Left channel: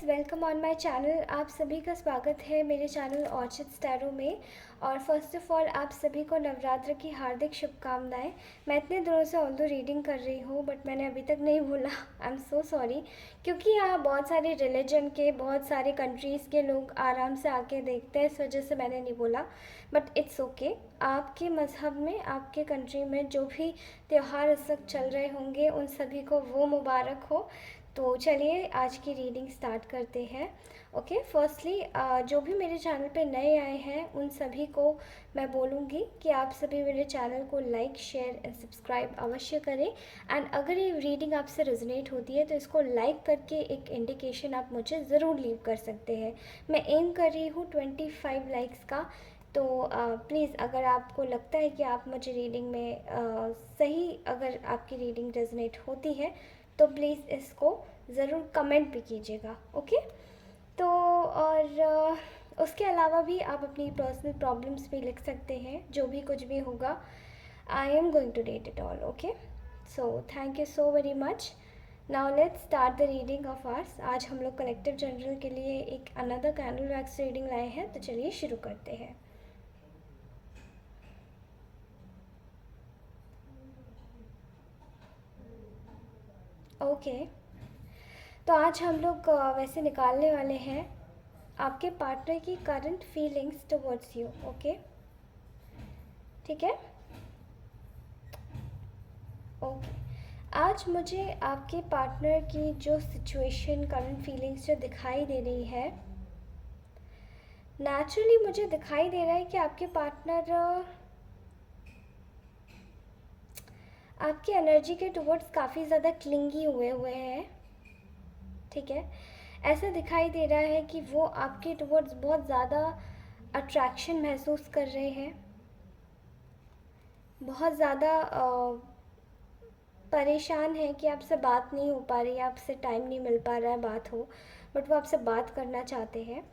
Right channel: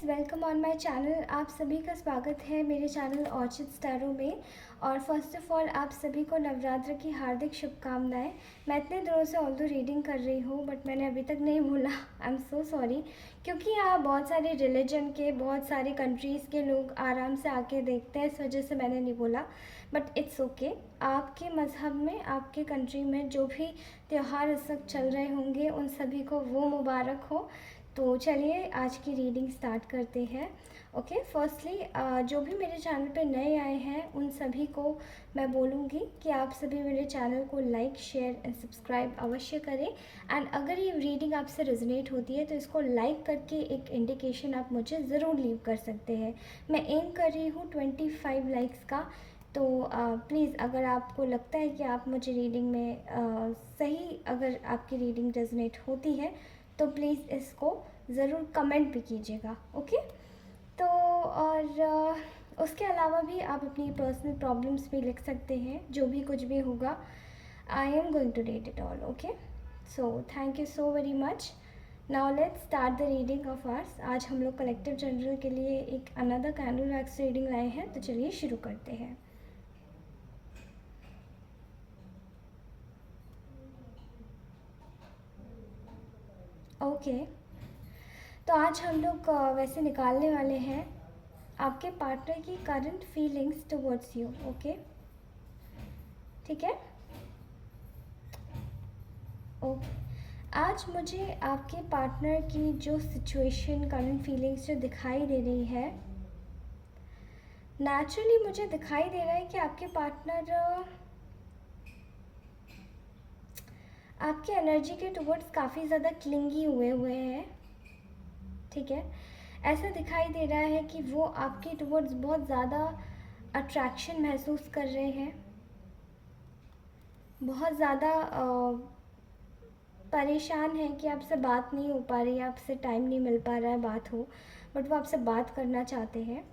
Guys, welcome on my channel. आप सभी का स्वागत है मेरे चैनल ऑर्चिड स्टैरो में। और फर्स्ट ऑफ ऑल आप सभी को नवरात्र की हार्दिक शुभकामनाएं। मैं इतने दिनों से ऑल्दो रीडिंग कर रही हूँ बट मैंने अभी तक नहीं भूला। आई एम सो सॉरी, क्योंकि यहाँ बहुत सारे रिलीजन के, बहुत सारे कंट्रीज़ के लोग आराम से आके देखते हैं, इस वजह से मैंने नहीं बोला। But it's okay. आपके मज़हब में, आपके कंट्री में जो भी त्यौहार इस वक्त चल रहे होंगे उन सभी को वो मुबारक हो। तो चलिए आज की रीडिंग स्टार्ट करते हैं। ओके, फर्स्टली जो भी मेरे चैनल पे नए आए हैं उन सभी को मैं बोलूँगी कि आप सभी मेरे चैनल को लाइक, शेयर एंड सब्सक्राइब अवश्य करें। एंड अगर ये रीडिंग आपसे रेजोनेट होती है तो इसको लाइक करके एक इंडिकेशन आप मुझे ज़रूर लीव कर सकते हैं। मैं एम कर रही हूँ 25 लाइक्स का। तो प्लीज़ अगर आपको लगता है कि आप मुझे रीडिंग में सही, अगर आपकी रीडिंग रेजोनेट होती है तो प्लीज़ इसको ज़रूर कमेंट भी कीजिएगा। ओके, तो और उसके अलावा भी आप अपनी पर्सनल प्रॉब्लम्स भी लिख सकते हैं, जो भी कुछ भी होगा। I am going to read it all. Okay, so thank you so very much. Now let's start the reading of ours. आज हम लोग कलेक्टिव जनरल के लिए एक अनदर कैंडल वैक्स रीडिंग लाए हैं, तो चलिए शुरू करते हैं। ओके, तो आज हम लोग वैसे निकालने वाले हैं आपके पार्टनर की current feelings towards you. Okay, ठीक है। ओके, आज मुझे आपके पार्टनर की जो सिचुएशन, करंट फीलिंग्स जो दिखाई दे रही है, नेचुरली मुझे दिखाई दे रहा है कि आपके पार्टनर आपकी एनर्जी के टुवर्ड्स काफ़ी ज़्यादा क्लिंगी हुए हुए हैं। ठीक है, ऐसा दिखाई दे रहा है कि वो आपके टुवर्ड्स बहुत ज़्यादा अट्रैक्शन महसूस कर रहे हैं, बहुत ज़्यादा परेशान है कि आपसे बात नहीं हो पा रही है, आपसे टाइम नहीं मिल पा रहा है बात हो, बट वो आपसे बात करना चाहते हैं।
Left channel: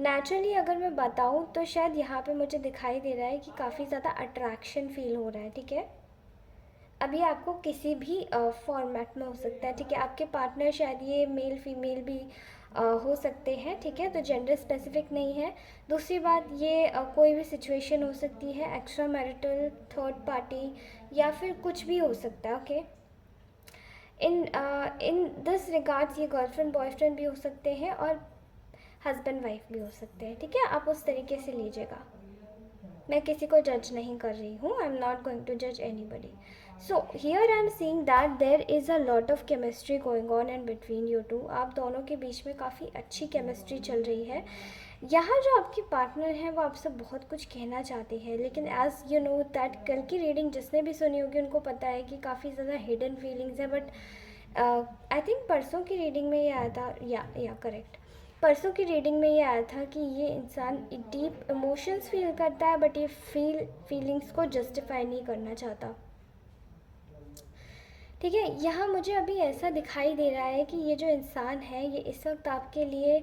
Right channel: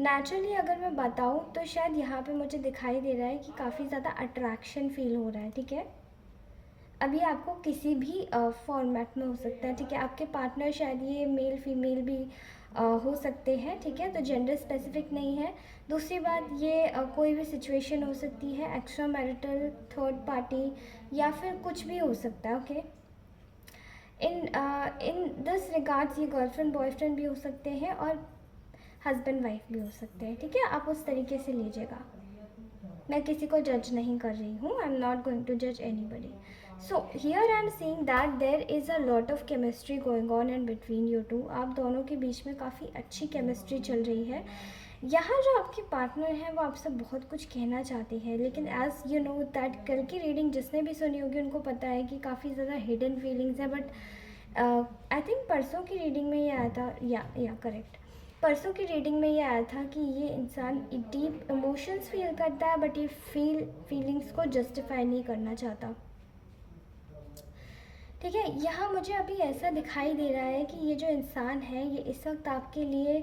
नेचुरली अगर मैं बताऊँ तो शायद यहाँ पे मुझे दिखाई दे रहा है कि काफ़ी ज़्यादा अट्रैक्शन फील हो रहा है। ठीक है, अभी आपको किसी भी फॉर्मेट में हो सकता है। ठीक है, आपके पार्टनर शायद ये मेल फीमेल भी हो सकते हैं। ठीक है, तो जेंडर स्पेसिफिक नहीं है। दूसरी बात, ये कोई भी सिचुएशन हो सकती है, एक्स्ट्रा मैरिटल, थर्ड पार्टी, या फिर कुछ भी हो सकता है। ओके, इन दिस रिगार्ड्स ये गर्लफ्रेंड बॉयफ्रेंड भी हो सकते हैं और हस्बैंड वाइफ भी हो सकते हैं। ठीक है, आप उस तरीके से लीजिएगा। मैं किसी को जज नहीं कर रही हूँ, I am not going to जज anybody. So here I am seeing that there is a lot of chemistry going on and between you two. आप दोनों के बीच में काफ़ी अच्छी केमिस्ट्री चल रही है। यहाँ जो आपके पार्टनर हैं वो आपसे बहुत कुछ कहना चाहते हैं, लेकिन एज यू नो दैट, कल की रीडिंग जिसने भी सुनी होगी उनको पता है कि काफ़ी ज़्यादा हिडन फीलिंग्स है। बट आई थिंक परसों की रीडिंग में ये आया था, या करेक्ट, परसों की रीडिंग में ये आया था कि ये इंसान डीप इमोशंस फील करता है बट ये फीलिंग्स को जस्टिफाई नहीं करना चाहता। ठीक है, यहाँ मुझे अभी ऐसा दिखाई दे रहा है कि ये जो इंसान है ये इस वक्त आपके लिए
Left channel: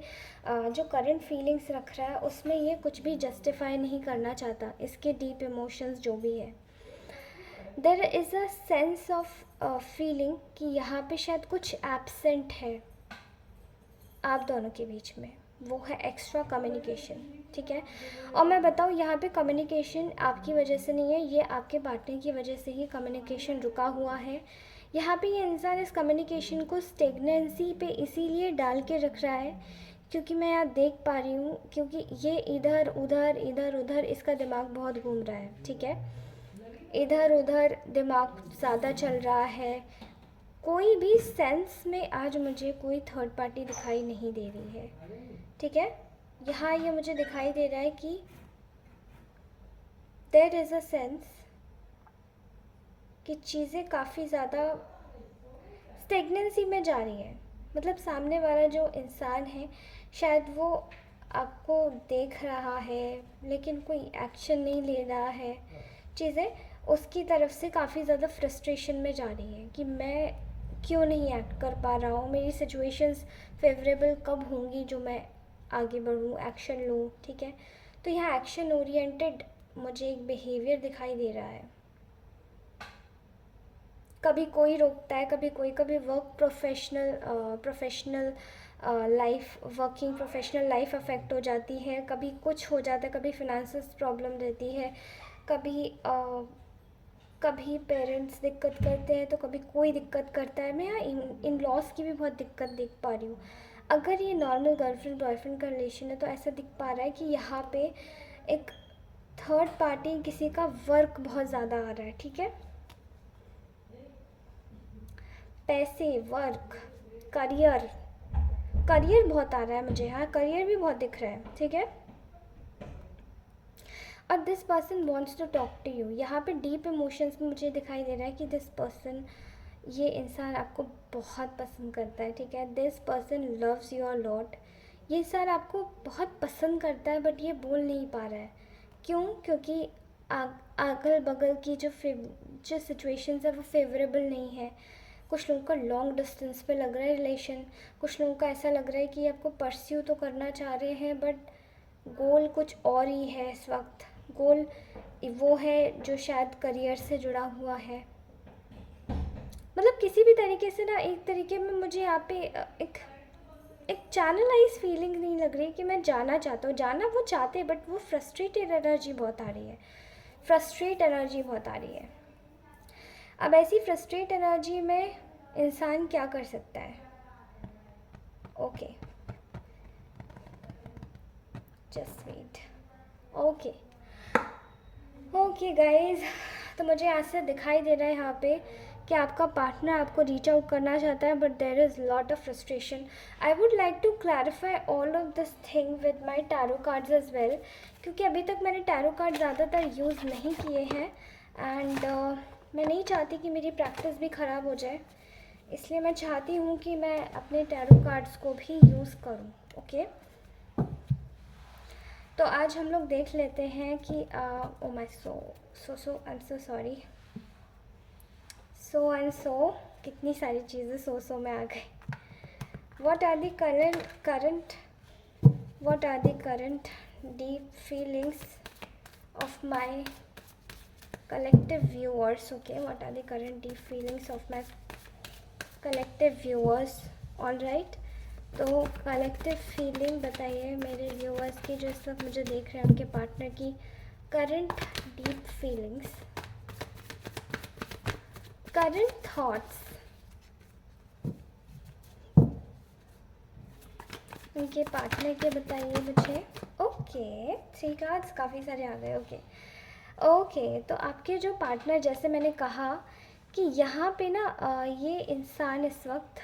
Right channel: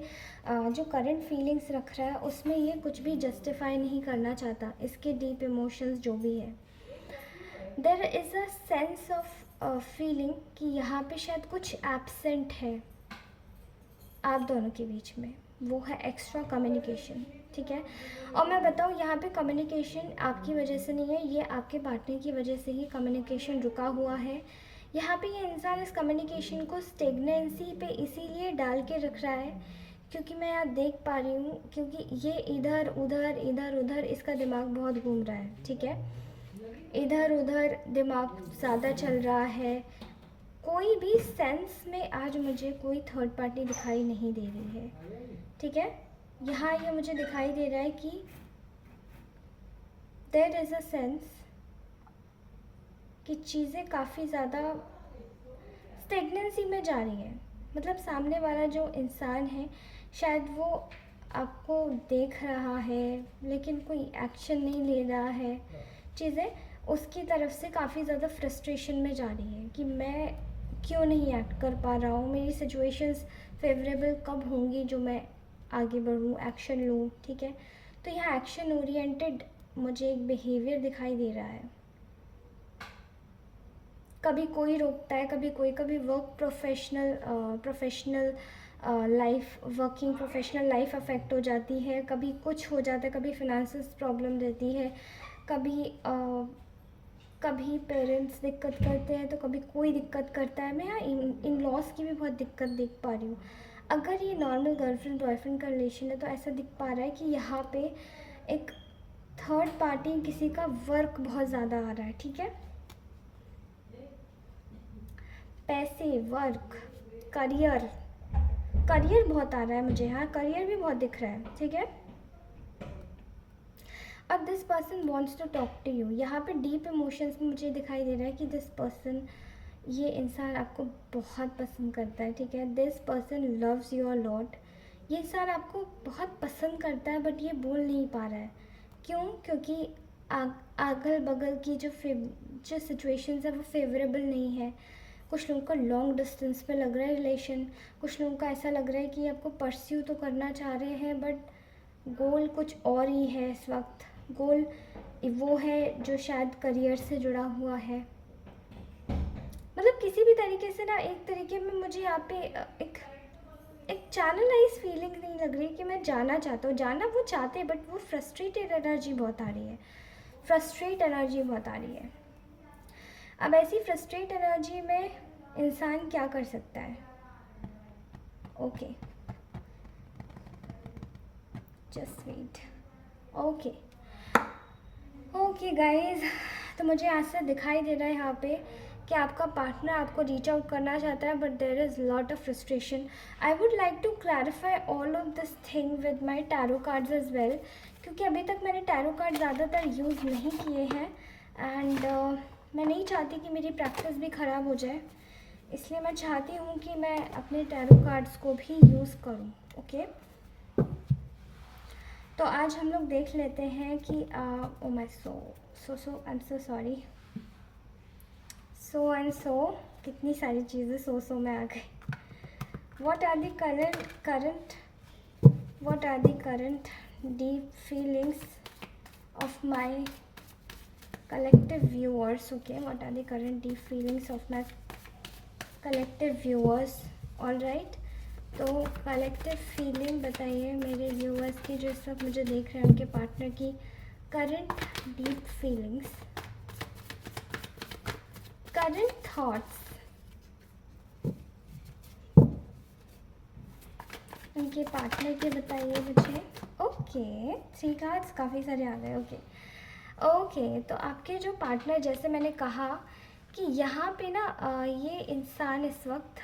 जो करंट फीलिंग्स रख रहा है उसमें ये कुछ भी जस्टिफाई नहीं करना चाहता, इसके डीप इमोशंस जो भी है। There is a sense of feeling कि यहाँ पे शायद कुछ एब्सेंट है आप दोनों के बीच में, वो है एक्स्ट्रा कम्युनिकेशन। ठीक है, और मैं बताऊँ यहाँ पे कम्युनिकेशन आपकी वजह से नहीं है, ये आपके पार्टनर की वजह से ही कम्युनिकेशन रुका हुआ है। यहाँ पे ये इंसान इस कम्युनिकेशन को स्टेगनेंसी पे इसीलिए डाल के रख रहा है क्योंकि मैं यहाँ देख पा रही हूँ, क्योंकि ये इधर उधर इधर उधर इसका दिमाग बहुत घूम रहा है। ठीक है, इधर उधर दिमाग ज़्यादा चल रहा है। कोई भी सेंस में आज मुझे कोई थर्ड पार्टी दिखाई नहीं दे रही है। ठीक है, यहाँ ये मुझे दिखाई दे रहा है कि देयर इज़ अ सेंस कि चीज़ें काफ़ी ज़्यादा स्टेगनेंसी में जा रही हैं। मतलब सामने वाला जो इंसान है शायद वो आपको देख रहा है लेकिन कोई एक्शन नहीं ले रहा है। चीज़ें उसकी तरफ से काफ़ी ज़्यादा फ्रस्ट्रेशन में जा रही हैं कि मैं क्यों नहीं एक्ट कर पा रहा हूँ, मेरी सिचुएशंस फेवरेबल कब होंगी जो मैं आगे बढ़ूँ, एक्शन लूँ। ठीक है, तो यहाँ एक्शन ओरिएंटेड मुझे एक बिहेवियर दिखाई दे रहा है। कभी कोई रोकता है, कभी कोई, कभी work professional life, working professional life affect हो जाती है, कभी कुछ हो जाता है, कभी फिनेंशियल प्रॉब्लम रहती है, कभी कभी पेरेंट्स दिक्कत करते हैं तो कभी कोई दिक्कत करता है। मैं यहाँ इन लॉस की भी बहुत दिक्कत देख पा रही हूँ। अगर ये नॉर्मल गर्लफ्रेंड बॉयफ्रेंड का रिलेशन है तो ऐसा दिख पा रहा है कि यहाँ पे एक थर्ड पार्टी किसी का वर्क बहुत ज़्यादा आ रहा है, ठीक है। पैसे, वर्क, करियर, करियर बहुत आ रहा है मुझे यहाँ, करियर भी बहुत दिख रहा है, ठीक है। और this person wants to talk to you. यहाँ पे डीप इमोशंस में मुझे दिखाई दे रहा है कि दिस पर्सन, ये इंसान आपको बहुत पसंद करता है, ठीक है। This person loves you a lot. ये इंसान आपको बहुत पसंद करता है बट ये बोल नहीं पा रहा है। क्यों? क्योंकि अगल बगल की जो सिचुएशंस है वो फेवरेबल नहीं है। कुछ लोगों का लॉन्ग डिस्टेंस पे लग रहा है रिलेशन, कुछ लोगों का ऐसा लग रहा है कि आपको परस्यू तो करना चाह रहे हैं बट गोल कुछ और ही है इस वक्त। गोल वो है जो शायद करियर से जुड़ा हुआ है। मतलब किसी भी तरीके से ना, एक तरीके में मुझे यहाँ पे एक चैनलाइज फीलिंग नहीं लग रही कि मैं जाना चाहता हूँ। जाना वो चाहते हैं बट वो फ्रस्ट्रेटेड एनर्जी बहुत आ रही है, फ्रस्ट्रेट एनर्जी बहुत आ रही है। अब ऐसी फ्रस्ट्रेट एनर्जी में इंसान क्या कर सकता है? Okay, just wait. Okay guys, तो मुझे ऐसे दिखाई दे रहा है यहाँ पे कि आपका पार्टनर आपको रीच आउट करना चाहता है but there is lot of frustration. I would like to clarify all of this thing with my tarot cards as well, क्योंकि अभी तक मैंने टैरो कार्ड ज़्यादातर यूज़ नहीं किए हैं एंड मैं नहीं चाहती कि मेरी प्रैक्टिस भी ख़राब हो जाए, इसलिए मैं चाहती हूँ कि मैं अपने टैरो कार्ड्स को भी यूज़ करूँ। ओके, तो आज हम लोग देख लेते हैं कि oh my I am so sorry, so and so कितनी सारी चीज़ें सो में आ गई। What are the current deep feelings of my collective viewers? Okay, what are the current deep feelings of my collective viewers? all right, तो collective feeling बताइए मेरे व्यूअर्स की जो इस वक्त मुझे देख रहे हैं, उनके पार्टनर की current deep feelings, current thoughts, उनके पार्टनर के बताइए मुझे। ओके, 3 कार्ड्स काफ़ी सारे आ गए। ओके, तो आपके जो पार्टनर, जैसे मैंने कहा कि यहाँ पे ना ये इंसान इस वक्त,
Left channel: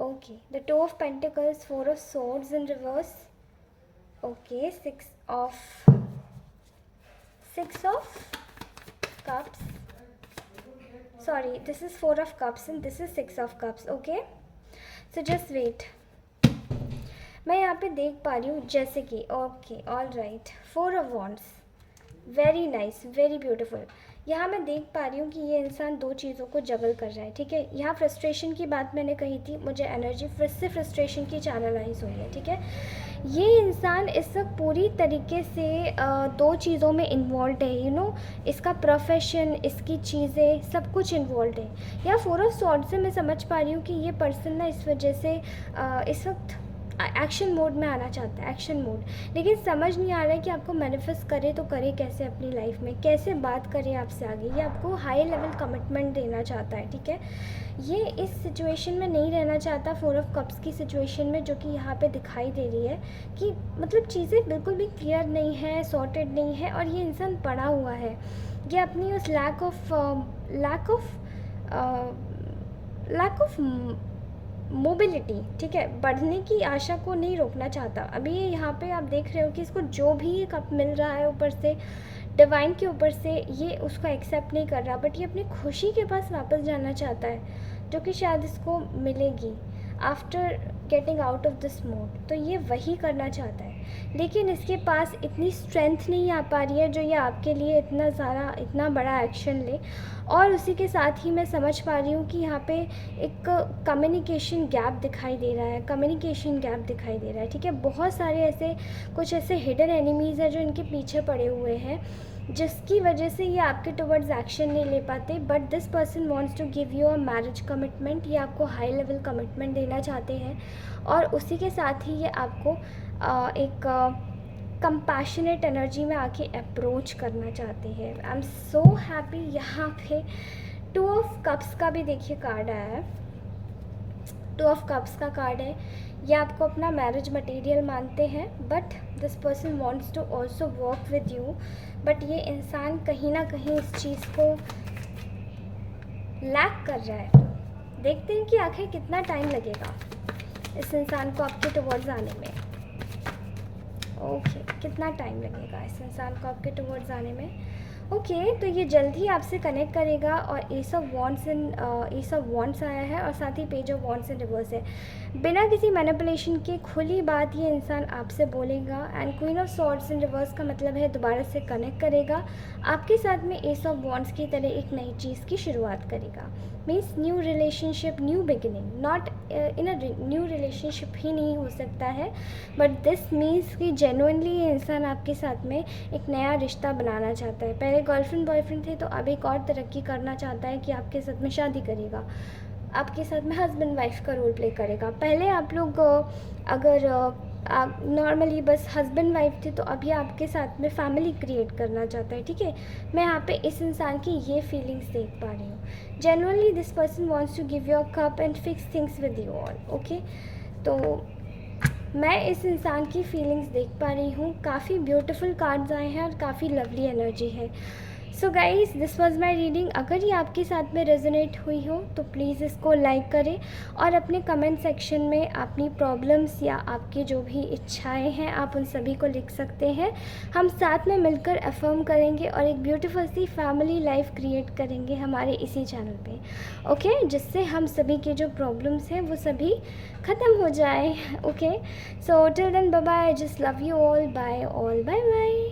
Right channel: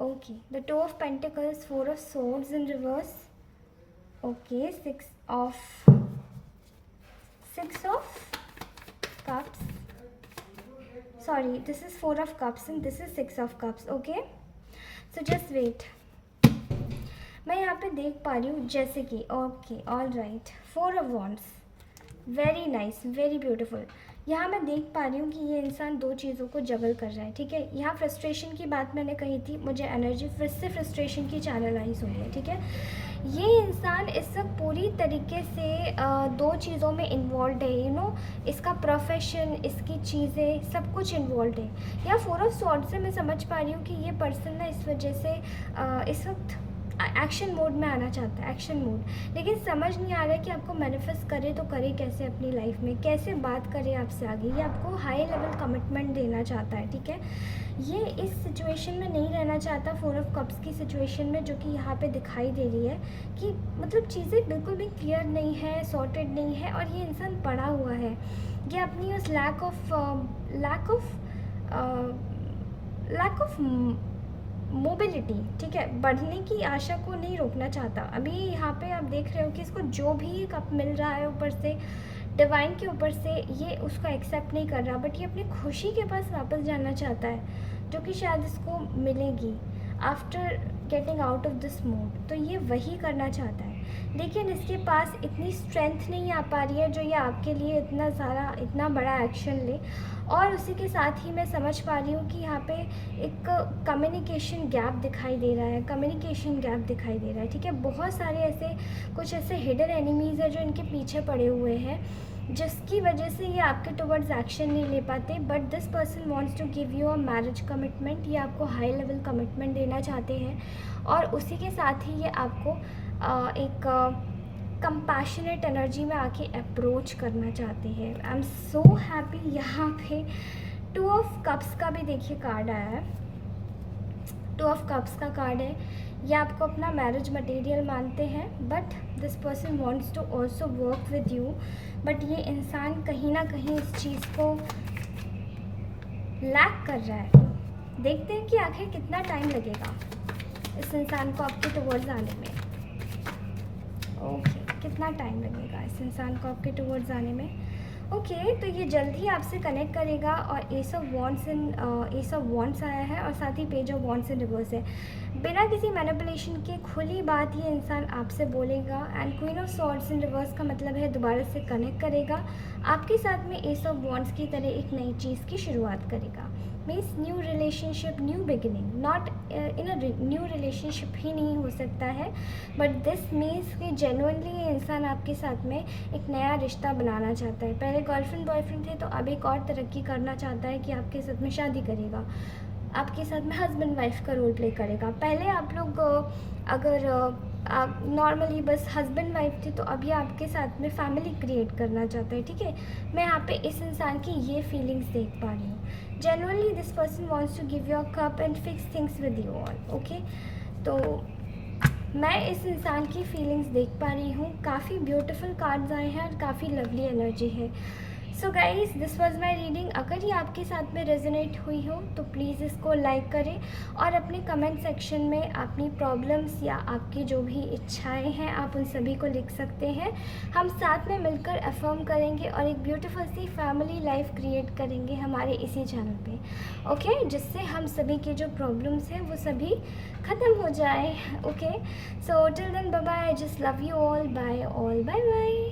okay, the 2 of pentacles, 4 of swords in reverse, okay, 6 of cups, sorry, this is 4 of cups and this is 6 of cups. Okay, so just wait, मैं यहाँ पे देख पा रही हूँ जैसे कि, okay, all right, 4 of wands, very nice, very beautiful. यहाँ मैं देख पा रही हूँ कि ये इंसान 2 चीज़ों को जगल कर रहा है, ठीक है। यहाँ फ्रस्ट्रेशन की बात मैंने कही थी, मुझे एनर्जी फिर से फ्रस्ट्रेशन की चैनलाइज हुई है, ठीक है। ये इंसान इस वक्त पूरी तरीके से 2 चीज़ों में इन्वॉल्व है, यू नो, इसका प्रोफेशन, इसकी चीज़ें, सब कुछ इन्वॉल्व है। या 4 ऑफ सॉर्ड्स से मैं समझ पा रही हूँ कि ये पर्सन ना इस वजह से इस वक्त एक्शन मोड में आना चाहता है, एक्शन मोड, लेकिन समझ नहीं आ रहा है कि आपको मैनिफेस्ट करे तो करे कैसे अपनी लाइफ में, कैसे बात करे आपसे आगे। ये आपको हाई लेवल कमिटमेंट देना चाहता है, ठीक है। ये इस सिचुएशन में नहीं रहना चाहता, 4 ऑफ कप्स की सिचुएशन में, जो कि यहाँ पे दिखाई दे रही है कि मतलब चीज़ें बिल्कुल भी क्लियर नहीं है, सॉर्टेड नहीं है, और ये इंसान पड़ा हुआ है। ये अपनी उस लैक ऑफ मोबिलिटी, ठीक है, बढ़ने की आशा को नहीं रोकना चाहता। अभी यहाँ पे आप देख रहे हो कि इसको जो भी कप मिल रहा है ऊपर से, डिवाइन के ऊपर से, ये उसको एक्सेप्ट नहीं कर रहा, बट ये अपनी खुशी के पास वापस जाना चाहता है, जो कि शायद इसको मिलेगी after getting out of this mode. तो ये वही करना चाहता है, लेकिन इसके पास इतनी स्ट्रेंथ नहीं आ पा रही है जो ये आपके लिए इतना बड़ा एक्शन ले। और उसी के साथ ही मैं समझ पा रही हूँ कि यहाँ पे एक कम्युनिकेशन गैप दिखाई दे रहा है, ठीक है। बहुत सारे कुछ ऐसे हिडन एनिमीज़ हैं जो इनके पीछे पड़े हुए हैं, जिसकी वजह से ये आपके टुवर्ड्स एक्शन नहीं ले पाते, but this person wants to give you a marriage commitment. ये आपको हाई लेवल कमिटमेंट देना चाहते हैं और उसी के साथ ही ये आपको एक कंपैशनेट एनर्जी में आके अप्रोच करना चाहते हैं। आई एम सो हैप्पी। यहाँ पे 2 ऑफ कप्स का भी देखिए कार्ड आया है। 2 ऑफ कप्स का कार्ड है। ये आपको अपना मैरिज मटेरियल मानते हैं, but this person wants to also work with you. But ये इंसान कहीं ना कहीं इस चीज़ को लैक कर रहा है। देखते हैं कि आखिर कितना टाइम लगेगा इस इंसान को आपके टुवर्ड्स आने में। ओके, कितना टाइम लगेगा इस इंसान को आपके टुवर्ड्स आने में। ओके, तो ये जल्द ही आपसे कनेक्ट करेगा। और एस ऑफ वॉन्ट्स आया है और साथ ही page of wands in reverse है। बिना किसी मैनिपुलेशन के खुली बात ये इंसान आपसे बोलेगा। And queen of swords in reverse का मतलब है दोबारा से कनेक्ट करेगा आपके साथ में, एस ऑफ वॉन्ट्स की तरह एक नई चीज़ की शुरुआत करेगा। Means new relationship, new beginning. Not in a new relationship ही नहीं हो सकता है, बट दिस मीन्स कि जेन्युइनली ये इंसान आपके साथ में एक नया रिश्ता बनाना चाहता है। पहले गर्लफ्रेंड बॉयफ्रेंड थे, तो अब एक और तरक्की करना चाहता है कि आपके साथ में शादी करेगा, आपके साथ में हस्बैंड वाइफ का रोल प्ले करेगा। पहले आप लोग अगर आप नॉर्मली बस हस्बैंड वाइफ थे, तो अब ये आपके साथ में फैमिली क्रिएट करना चाहता है। ठीक है, मैं यहाँ पे इस इंसान की ये फीलिंग्स देख पा रही हूँ। Genuinely this person wants to give you a cup and fix things with you all. Okay, तो मैं इस इंसान की फीलिंग्स देख पा रही हूँ। काफ़ी ब्यूटीफुल कार्ड्स आए हैं और काफ़ी लवली एनर्जी है। So guys, this was my reading. अगर ये आपके साथ में रेजोनेट हुई हो तो प्लीज़ इसको लाइक करें और अपने कमेंट सेक्शन में अपनी प्रॉब्लम्स या आपकी जो भी इच्छाएं हैं आप उन सभी को लिख सकते हैं। हम साथ में मिलकर अफर्म करेंगे और एक ब्यूटीफुल सी फैमिली लाइफ क्रिएट करेंगे हमारे इसी चैनल पे। ओके, जिससे हम सभी के जो प्रॉब्लम्स हैं वो सभी ख़त्म हो जाए। Okay, so till then bye bye, just love you all, bye all, bye bye.